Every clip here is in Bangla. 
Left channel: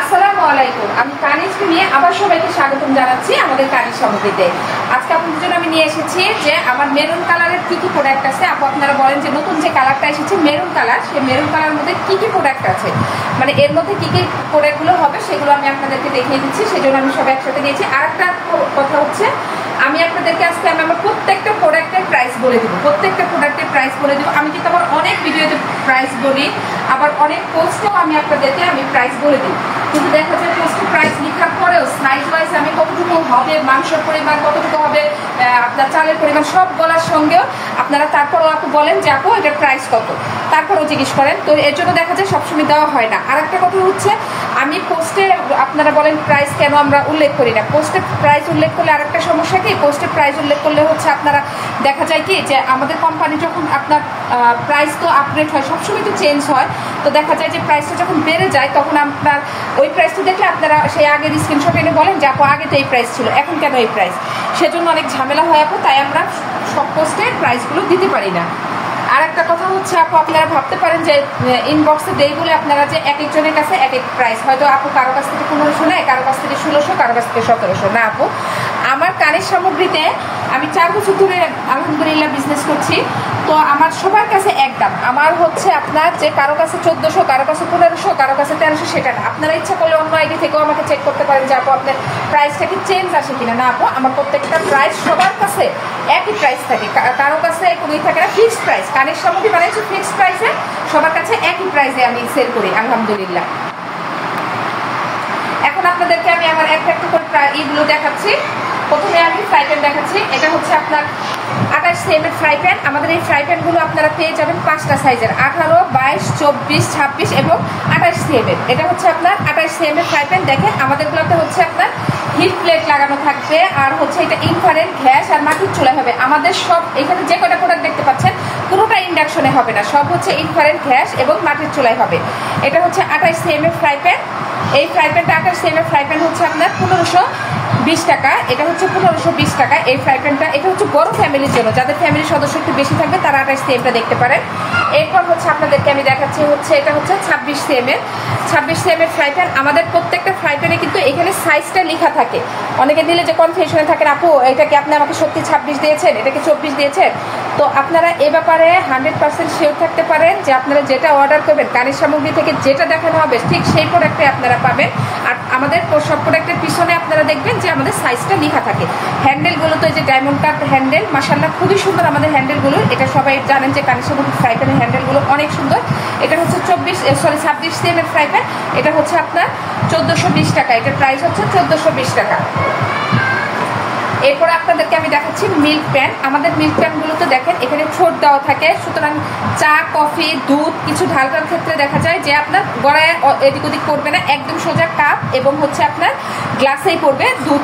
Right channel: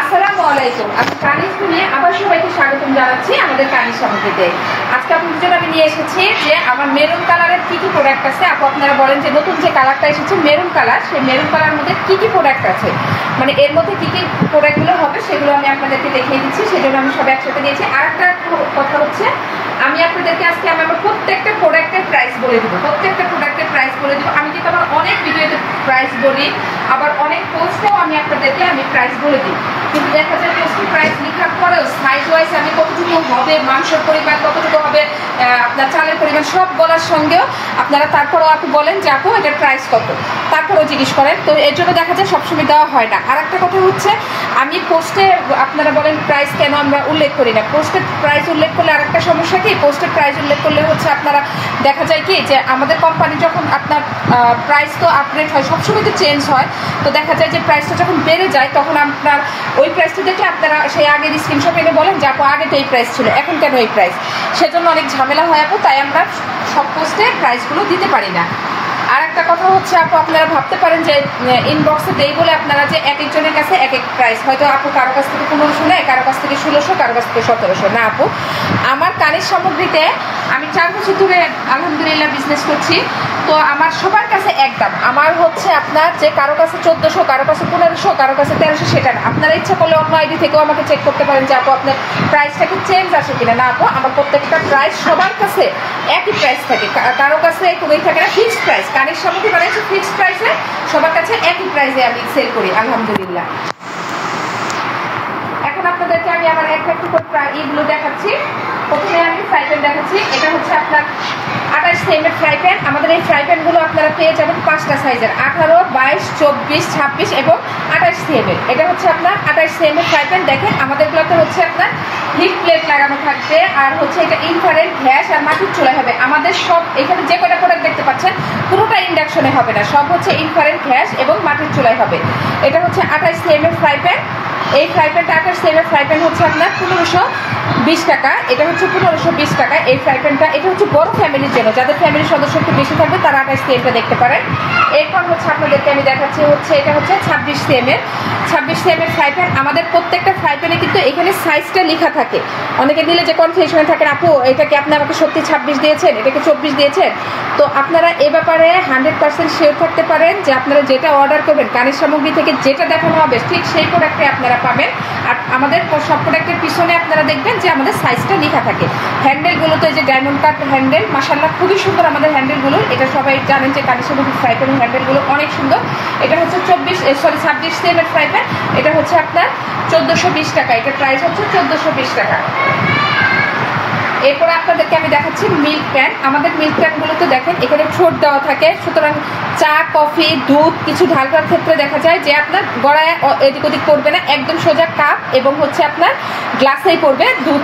আসসালামু আলাইকুম। আমি কানিজ নিয়ে আবার সবাইকে স্বাগতম জানাচ্ছি আমাদের কানিজ সামগ্রীতে। আজকে আপনাদের জন্য আমি নিয়ে এসেছি যে আমার মেরুন কালারের কি কি প্রোডাক্ট আছে। আপু আপনারা বলেন যে নতুন যে কালারটা এসেছে মেরুন কালার, সেই মেরুন কালারের মধ্যে কি কি প্রোডাক্ট আছে, মানে এর মধ্যে কি কি প্রোডাক্টগুলো হবে সেগুলো আমি আপনাদেরকে দেখিয়ে দিচ্ছি। সেজন্য আমি সব একসাথে নিয়েছি। আর একটা কথা হচ্ছে, আমি আপনাদেরকে আজকে আমার প্রত্যেকটা প্রোডাক্টের প্রাইস বলে দিব। প্রত্যেকটা প্রোডাক্টের প্রাইস বলে দিব। আমি কিন্তু আমার অনেক ভিডিওতে প্রাইস বলি, আবার অনেক পোস্টেও আমি আপনাদেরকে প্রাইস বলে দিই। কিন্তু দেখা যায় পোস্টে প্রাইস লেখার পরেও সাইজ ওয়াইজ আমি কতটুকু হবে, মাংসের পরিমাণ কতটুকু হবে, আপনার চালের পরিমাণ সব বলার সঙ্গেও আপনারা তারপরেও আপু বলেন যে আপু এটার প্রাইস কত, তারপরেও জিজ্ঞেস করেন। তো এর জন্য দেখা যায় সবসময় দেওয়া হয় না। আর একটা কথা হচ্ছে, আমি পোস্টে আপনারা বলেন প্রাইস কেন আমরা উল্লেখ করি না। পোস্টে প্রাইস উল্লেখ করলে আর একটা সমস্যা কি, পোস্টে প্রাইস উল্লেখ করলে হচ্ছে আপনারা দেখা যায় কি যে আমাদের কোম্পানি যখন আপনার প্রাইস তো আপডেট হয়, সবসময় তো চেঞ্জ হয়। তো দেখা যায় যে প্রাইসটা যখন বেড়ে যায় তখন আপনার ওই প্রাইসটা দেখলে আপনারা সেই আগের স্ক্রিনশট এনে বলেন যে আপু আগে তো এই প্রাইস ছিল, এখন কেন এই প্রাইস। সেজন্য অনেক ঝামেলা হয় আপু, তাই আমরা সব পোস্টে প্রাইসগুলো দিতে পারি না। আর একটা কথা হচ্ছে আপু, আপনারা ভাবতে পারেন যে ইনবক্সে দেই বলে আপনারা যে এক একজনের কাছে এক এক প্রাইস, হয়তো আপু কারো কাছ থেকে 1500 নেয়, কারো কাছ থেকে 1600, কারো কাছ থেকে 1700। না আপু, আমার কানের সামগ্রীতে আমি 4 বছর ধরে আলহামদুলিল্লাহ বিজনেস করছি। তো আমার সবার কাছে এক দাম। আমার হচ্ছে আপনার যে কারো কাছে 1400, কারো কাছে 1500, কারো কাছে 1300, সেটা না। আপনারা ইচ্ছা করলে অন্য আইডি থেকেও আমাকে চেক করতে পারেন যে আপু আপনার প্রাইসটা কি চেঞ্জ আসে কিনা। না আপু, আমার প্রত্যেকটা প্রাইস সবার কাছে একই প্রাইস থাকে, কারো কাছে কোনোই থাকে না ফিক্সড প্রাইস। কানের সামগ্রী মানে হচ্ছে ফিক্সড প্রাইসে সবার কাছে একই প্রাইসে আমি সেল করি আলহামদুলিল্লাহ। এখন আপনাদেরকে আমি আমার একটা করে এইগুলো দেখাচ্ছি। প্রথমে আমি ফ্রাই প্যান দেখাচ্ছি। এটা হচ্ছে আপনার 28 cm ফ্রাই প্যান। আমাদের এই ফ্রাই প্যানগুলো আপনারা পেয়ে যাবেন 5টা সাইজের, 18, 22, 24, 26 এবং 28 cm। এটা হচ্ছে আপনার 28 cm ফ্রাই প্যান। দেখেন আমাদেরগুলোতে হচ্ছে আপনার হিট প্লেট লাগানো থাকবে, আর হচ্ছে এটা ইনফ্রারেড গ্যাস আর মাটির চুলায় হবে। আমাদের সব এখানে যে কয়টা প্রোডাক্ট দেখতে পাচ্ছেন পুরোটা ইন্ডাকশনে হবে না, সব হচ্ছে ইনফ্রারেড গ্যাস এবং মাটির চুলায় হবে। এটা হচ্ছে 28 cm ফ্রাই প্যান। এই ফ্রাই প্যানটা 28 cm ফ্রাই প্যান হচ্ছে আপনার 1520 টাকা। এটা হচ্ছে 1520 টাকা এই ফ্রাই প্যানটা। এটা হচ্ছে বড় ফ্যামিলির জন্য, যাদের ফ্যামিলির সদস্য একটু বেশি থাকবে তারা 28 cmটা দেখতে পারেন। এরপর হচ্ছে আপনাদেরকে আমি দেখাচ্ছি হচ্ছে এটা হচ্ছে 26 cm ফ্রাই প্যান। আমাদের প্রত্যেকটা ফ্রাই প্যানে কিন্তু এখানে সাইজটা লেখা থাকে। অনেকে দিলে যে কনফিউশনে থাকেন আপু এটাকে আপনি আমাকে সত্যি 26 দিয়েছেন, এটাকে 24 দিয়েছেন। তো আপনারা এ ব্যাপারে 100% শিওর থাকতে পারেন যে আপনারা যেটা অর্ডার করবেন কানের সামগ্রী থেকে যেটা দেখানো হবে ঠিক সেই প্রোডাক্টে আপনারা পাবেন। আর আমাদের সব প্রোডাক্টের পিছনে আপনারা দেখবেন যে আমাদের সাইজটা লেখা থাকে। হ্যান্ডেলগুলো তো এই যে ডায়মন্ড কাট হ্যান্ডেল, মাশাআল্লাহ খুবই সুন্দর আমাদের হ্যান্ডেলগুলো। এটা সবাই জানেন যে কানের সামগ্রী ফ্রাই প্যানের হ্যান্ডেলগুলো অনেক সুন্দর। এটা হচ্ছে 26 cm ফ্রাই প্যান। এটা হচ্ছে আপনার 1420 টাকা। এটার প্রাইস হচ্ছে 1420 টাকা। এরপর আপনাদেরকে আমি দেখাচ্ছি মিল্ক প্যান। আমাদের মিল্ক প্যানগুলোতে দেখেন এখানে ঠোঁট দেওয়া থাকে, সুতরাং চা, কফি, দুধ কিছু ঢালবার ক্ষেত্রে দেখা যায় যে আপনার গড়ায় এদিক ওদিক পড়বে না, একদম সোজা কাপ এবং হচ্ছে আপনার গ্লাসেই পড়বে দুধ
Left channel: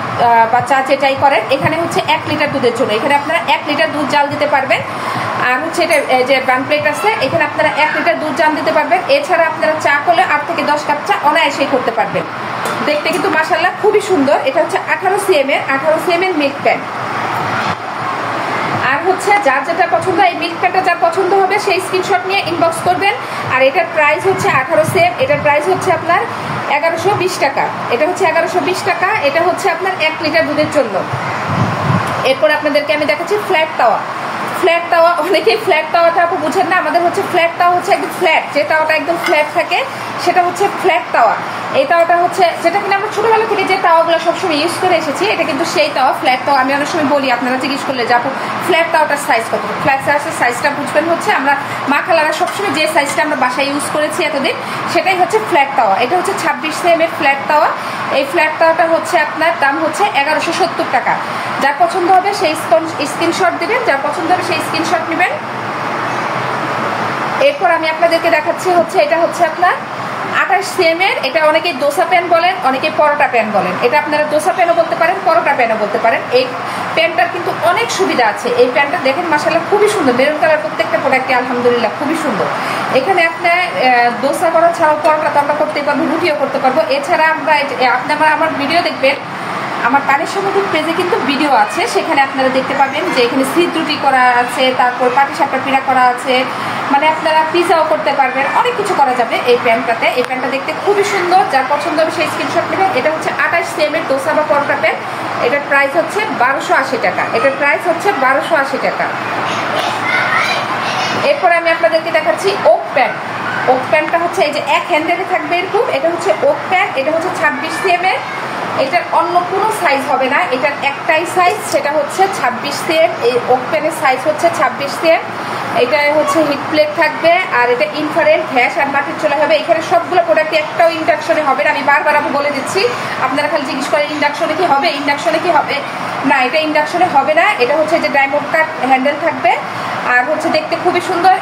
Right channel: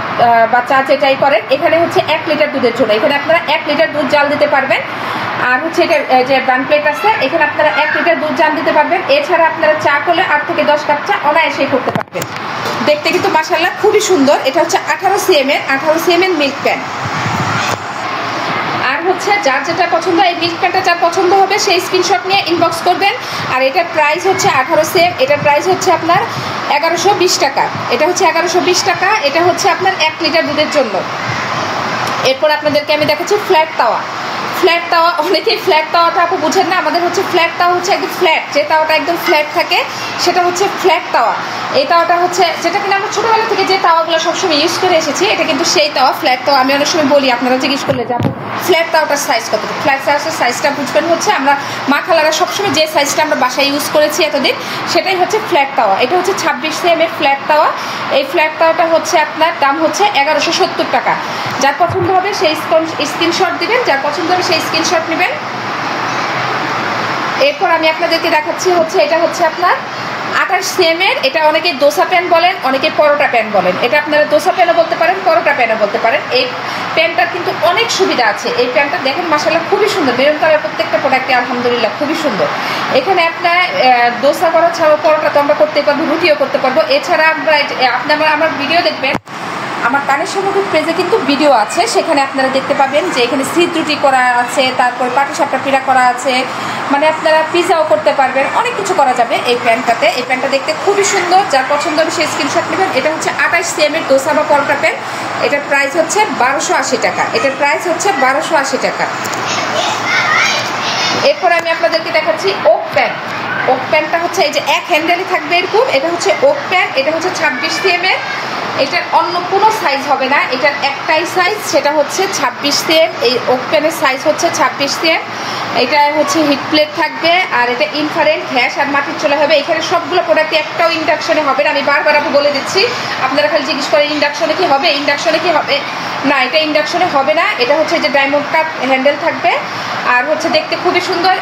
বা চা যেটাই করেন। এখানে হচ্ছে 1 লিটার দুধের জন্য এখানে আপনারা 1 লিটার দুধ জাল দিতে পারবেন। আর হচ্ছে এটা যে বান প্লেট আছে এখানে আপনারা 1 লিটার দুধ জাল দিতে পারবেন। এছাড়া আপনারা চা করলে 8 থেকে 10 কাপ চা অনায়াসেই করতে পারবেন। দেখতে কিন্তু মাশাআল্লাহ খুবই সুন্দর। এটা হচ্ছে 18 cm মিল্ক প্যান। আর হচ্ছে যার যেটা পছন্দ, এই মিল্ক প্যানটা যার পছন্দ হবে সেই স্ক্রিনশট নিয়ে ইনবক্স করবেন। আর এটার প্রাইস হচ্ছে 18 cm। এটার প্রাইস হচ্ছে আপনার 1120 টাকা। এটা হচ্ছে 1120 টাকা। এটা হচ্ছে আপনার 1 লিটার দুধের জন্য। এরপর আপনাদেরকে আমি দেখাচ্ছি ফ্ল্যাট তাওয়া। ফ্ল্যাট তাওয়া, অনেকেই ফ্ল্যাট তাওয়াটা আপু বুঝেন না। আমাদের হচ্ছে ফ্ল্যাট তাওয়া হচ্ছে একদম ফ্ল্যাট, যে তাওয়াটা একদম ফ্ল্যাট থাকে সেটা হচ্ছে ফ্ল্যাট তাওয়া। এই তাওয়াটা হচ্ছে যেটা কিনা আমরা ছোটবেলা থেকে যে তাওয়াগুলো সবসময় ইউজ করে এসেছি, এটা কিন্তু সেই তাওয়া ফ্ল্যাট তাওয়া। আমি অনেক সময় বলি আপনারা জিজ্ঞেস করলে যে আপু ফ্ল্যাট তাওয়াটার সাইজ কত। ফ্ল্যাট তাওয়ার সাইজটা বুঝবেন হচ্ছে আমরা মা খালারা সবসময় যে সাইজটা আমরা বাসায় ইউজ করেছি এতদিন, সেটাই হচ্ছে ফ্ল্যাট তাওয়া। এটা হচ্ছে 26 cm ফ্ল্যাট তাওয়া। এই ফ্ল্যাট তাওয়াটা হচ্ছে আপনার দাম হচ্ছে 1170 টাকা। যার পছন্দ হবে সেই স্ক্রিনশট দিবেন, যার পছন্দ হবে সেই স্ক্রিনশট নেবেন। এরপর আমি আপনাদেরকে দেখাচ্ছি হচ্ছে এটা হচ্ছে আপনার 28 cm। এটা অনেকে দোসা প্যান বলেন, অনেকে পরোটা প্যান বলেন। এটা আপনারা দোসা প্যানও বলতে পারেন, পরোটা প্যানও বলতে পারেন। এই প্যানটার কিন্তু অনেক সুবিধা আছে। এই প্যানটা দেখেন মাশাআল্লাহ খুবই সুন্দর। মেরুন কালার প্রত্যেকটা প্রোডাক্টে আলহামদুলিল্লাহ খুবই সুন্দর। এখানে আপনার দোসা করা ছাড়াও পরোটা তো আমরা করতে পারবো, রুটিও করতে পারবো। এছাড়া আমরা আপনি আমার ভিডিও দেখবেন, আমার কানের সামগ্রী পেজে কিন্তু ভিডিও আছে, সেখানে আপনারা দেখতে পাবেন যে এখানে সিদ্ধ রুটি করা আছে, তারপর পাটিসাপটা পিঠা করা আছে, মানে আপনারা পিজাও করতে পারবেন, অনেক কিছু করা যাবে এই প্যান্টটাতে। এই প্যান্টটা দেখতে খুবই সুন্দর, যার পছন্দ হবে সেই স্ক্রিনশট নেবেন। এটা হচ্ছে 28 cm এর দোসা বা পরোটা প্যান্ট। এটার প্রাইস হচ্ছে 1280 টাকা। এটার প্রাইস হচ্ছে 1280 টাকা। এরপরে আমি আপনাদেরকে দেখাচ্ছি ওক প্যান্ট। ওক প্যান্টটা হচ্ছে এই যে এক হ্যান্ডেলই থাকবে এরকম, এটা হচ্ছে ওক প্যান্ট। এটা হচ্ছে 26 cm এর। এটার অন্য কোনো সাইজ হবে না, এটার একটাই সাইজ, সেটা হচ্ছে 26 cm। এই ওক প্যান্টের সাইজ হচ্ছে 26 cm। এটা হচ্ছে হিট প্লেট থাকবে, আর এটা ইনফ্রারেড গ্যাস আর মাটির চলে হবে। এখানে সবগুলো প্রোডাক্ট একটাও ইন্ডাকশনে হবে না, আমি বারবার আপনি বলে দিচ্ছি। আপনারা খালি জিজ্ঞেস করেন ইন্ডাকশনে কি হবে, ইন্ডাকশনে কি হবে না, এটা ইন্ডাকশনে হবে না। এটা হচ্ছে যে ডায়মন্ড কাট হ্যান্ডেল থাকবে, আর হচ্ছে দেখতে খুবই সুন্দর।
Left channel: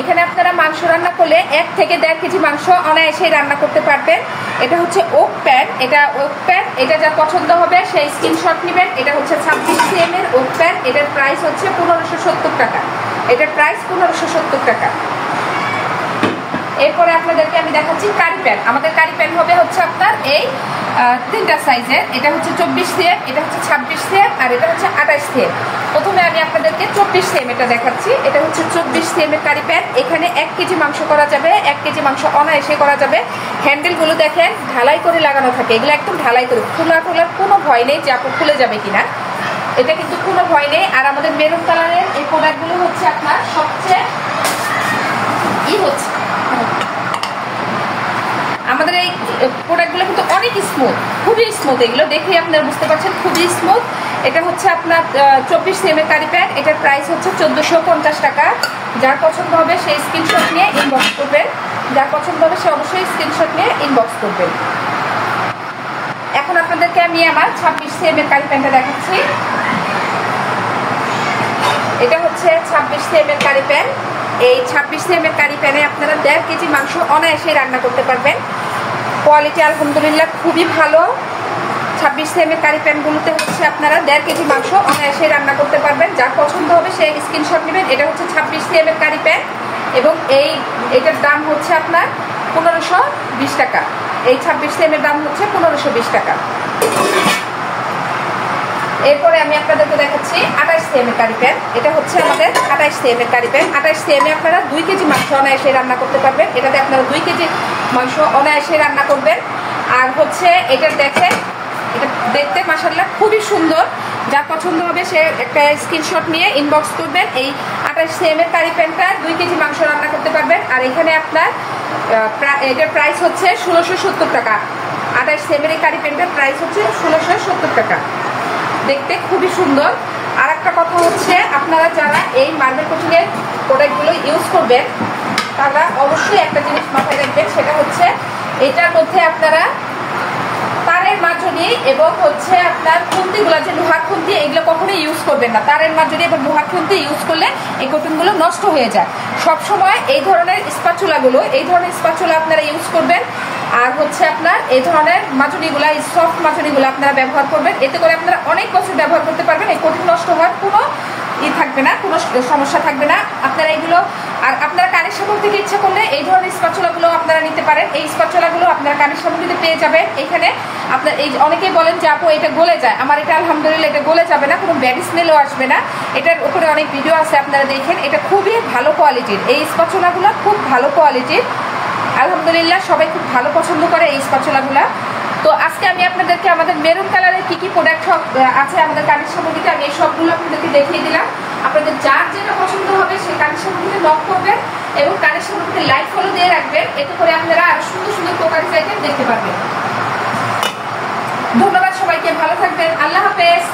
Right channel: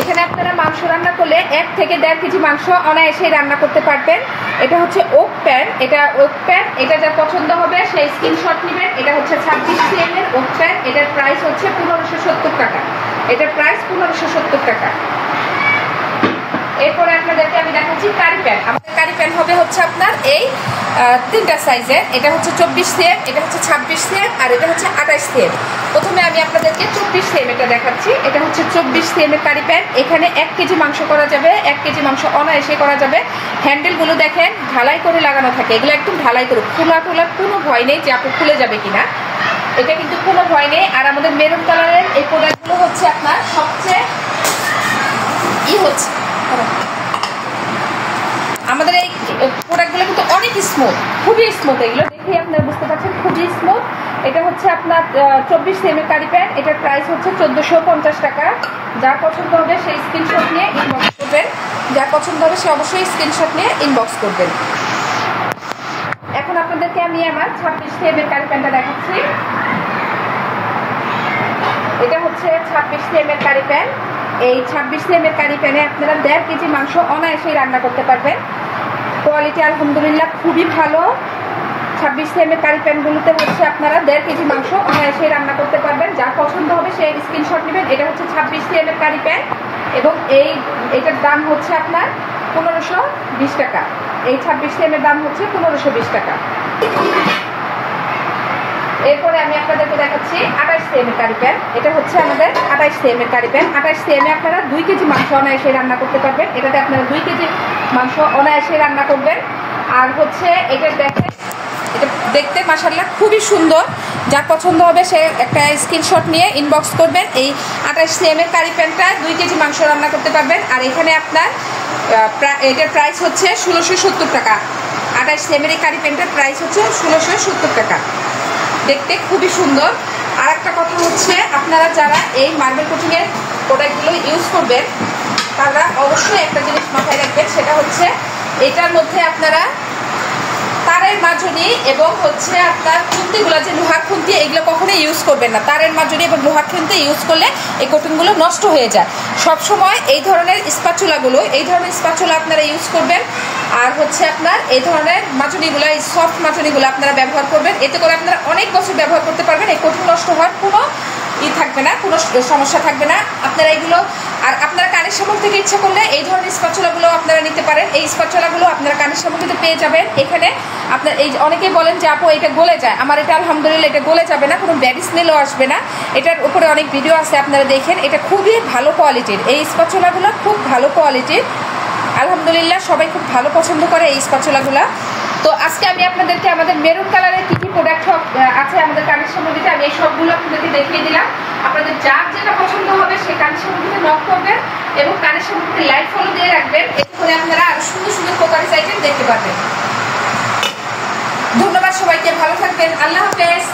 এখানে আপনারা মাংস রান্না করলে 1 থেকে 1.5 কেজি মাংস অনায়াসেই রান্না করতে পারবেন। এটা হচ্ছে ওক প্যান্ট। এটা ওক প্যান্ট, এটা যা পছন্দ হবে সেই স্ক্রিনশট নেবেন। এটা হচ্ছে 26 cm এর ওক প্যান্ট। এটার প্রাইস হচ্ছে 1570 টাকা। এটার প্রাইস 1570 টাকা। এরপরে আপনাদেরকে আমি দেখাচ্ছি কারি প্যান্ট। আমাদের কারি প্যান্ট হবে হচ্ছে আপনার এই 3টা সাইজের। এটা হচ্ছে 24 cm, এটা হচ্ছে 26 cm, আর এটা হচ্ছে 28 cm। প্রথমে আমি আপনাদেরকে 24 cm এটা দেখাচ্ছি। এটা হচ্ছে 24 cm এর কারি প্যান্ট। এখানে 1 কেজি মাংস করা যাবে, 1 কেজি মাংস অনায়াসে করা যাবে। হ্যান্ডেলগুলো দেখেন ঢালাই করে লাগানো থাকে, এগুলো একদম ঢালাই করে, খোলা টোলার কোনো ভয় নেই যে আপু খুলে যাবে কিনা, এটা কিন্তু কোনো ভয় নেই। আর আমাদের মেরুন কালারের এই প্রোডাক্টগুলো হচ্ছে আপনার সবচেয়ে হচ্ছে আমাদের এই প্রোডাক্টগুলো কিন্তু অনেক স্মুথ, খুবই স্মুথ। এগুলো দেখে আপনারা বুঝতে পারছেন খুবই স্মুথ। এটা হচ্ছে আপনার 24 cm এর কারি প্যান্ট। এটার প্রাইস হচ্ছে 1450 টাকা। যার পছন্দ হবে সেই স্ক্রিনশট নিয়ে ইনবক্স করবেন। যার পছন্দ হবে সে অবশ্যই স্ক্রিনশট নিয়ে ইনবক্স করবেন। এখন আপনাদেরকে আমি আমার 26 cm এর কারি প্যান্টটা দেখাচ্ছি। এটা হচ্ছে 26 cm এর কারি প্যান্ট। এই 26 cm এর কারি প্যানে আপনারা 1.5 কেজি মাংস অনায়াসেই রান্না করতে পারবেন। কোয়ালিটি আলহামদুলিল্লাহ খুবই ভালো। 26 cm এর কারি প্যানগুলোতে হচ্ছে আপনারা 1.5 কেজি মাংস অনায়াসেই রান্না করতে পারবেন। যার পছন্দ হবে সেই স্ক্রিনশট নেবেন। এটা হচ্ছে 26 cm এর কারি প্যান এবং এইটার দাম হচ্ছে আপনার 1520 টাকা। এই 26 cm এর দাম হচ্ছে 1520 টাকা। এরপরে আমি আপনাদেরকে দেখাচ্ছি 28 cm এর কারি প্যান। এটা হচ্ছে আমাদের 28 cm এর কারি প্যান। 28 cm এ আপনারা 2 কেজি মাংস অনায়াসে রান্না করতে পারবেন। এটাতে আপনারা 2 কেজি মাংস অনায়াসে রান্না করবেন। আর হচ্ছে এটা দেখেন, এটা দেখতে মাশাআল্লাহ খুবই সুন্দর। যার পছন্দ হবে সে একটা স্ক্রিনশট নিয়ে ইনবক্স করবেন। এই 28 cm এর কারি প্যানটা 2 কেজি মাংস রান্না করতে পারবেন। আর এখানে আপনার এটার প্রাইস হচ্ছে 1670 টাকা। 28 cm এর কারি প্যানটার প্রাইস হচ্ছে 1670 টাকা। দেখতে খুবই সুন্দর। আর একটা কথা হচ্ছে, আপনারা যারা এই মার্বেল কোটিংয়ের প্রোডাক্টগুলো ইউজ করবেন তারা অবশ্যই একটা জিনিস মাথায় রাখবেন, সেটা হচ্ছে এটার মধ্যে আপনারা তারের মাজনি এবং হচ্ছে আপনার খুন্তিগুলো, যে লোহার খুন্তি, এগুলো কখনোই ইউজ করবেন না। তারের মাজনি এবং লোহার খুন্তি ইউজ করলে এই কোটিংগুলো নষ্ট হয়ে যায়। সবসময় এই ধরনের স্প্যাচুলা আপনারা ইউজ করবেন। আর হচ্ছে আপনার এই ধরনের মাজনিগুলো, এই সফট মাজনিগুলো আপনারা ব্যবহার করবেন। এতে করে আপনারা অনেক বছর ব্যবহার করতে পারবেন। এই কোটিং নষ্ট হওয়ার কোনো থাকবে না, কোনো সমস্যা থাকবে না। আপনারা এগুলো, আর আপনারা কানের সামগ্রী থেকে ইচ্ছা করলে এই ধরনের স্প্যাচুলাগুলো আপনারা নিতে পারেন। এই স্প্যাচুলাগুলো আপনারা কানের সামগ্রীতে পেয়ে যাবেন। এখানে আপনার এই অনেকেই বলেন যে আপু এটা গলে যায়, আমার এটা আলহামদুলিল্লাহ এটা গলে যাবে না, কোনো ব্যাড স্মেলও আসবে না। এটার উপরে অনেক ভিডিও আছে, আপনারা দেখেন। এটা খুবই ভালো কোয়ালিটির, এই স্প্যাচুলাগুলো খুব ভালো কোয়ালিটির। আলহামদুলিল্লাহ সবাই খুব ভালো পছন্দ করে এই স্প্যাচুলাগুলো। তো আজকে আমি আপনাদেরকে আমাদের মেরুন কালারের কি কি প্রোডাক্ট আছে আমাদের কানের সামগ্রীতে, আমি এই সবগুলো আপনাদেরকে দেখিয়ে দিলাম। আপনাদের যার যেটা পছন্দ হবে সেই কানের সামগ্রীতে নক করবেন এবং কানের সামগ্রীতে লাইক ফলো দিয়ে রাখবেন। এতে করে আপনারা আরো সুন্দর সুন্দর প্রকারের আইটেম দেখতে পারবেন। ধন্যবাদ সবাইকে, ভালো থাকবেন, আল্লাহ হাফেজ।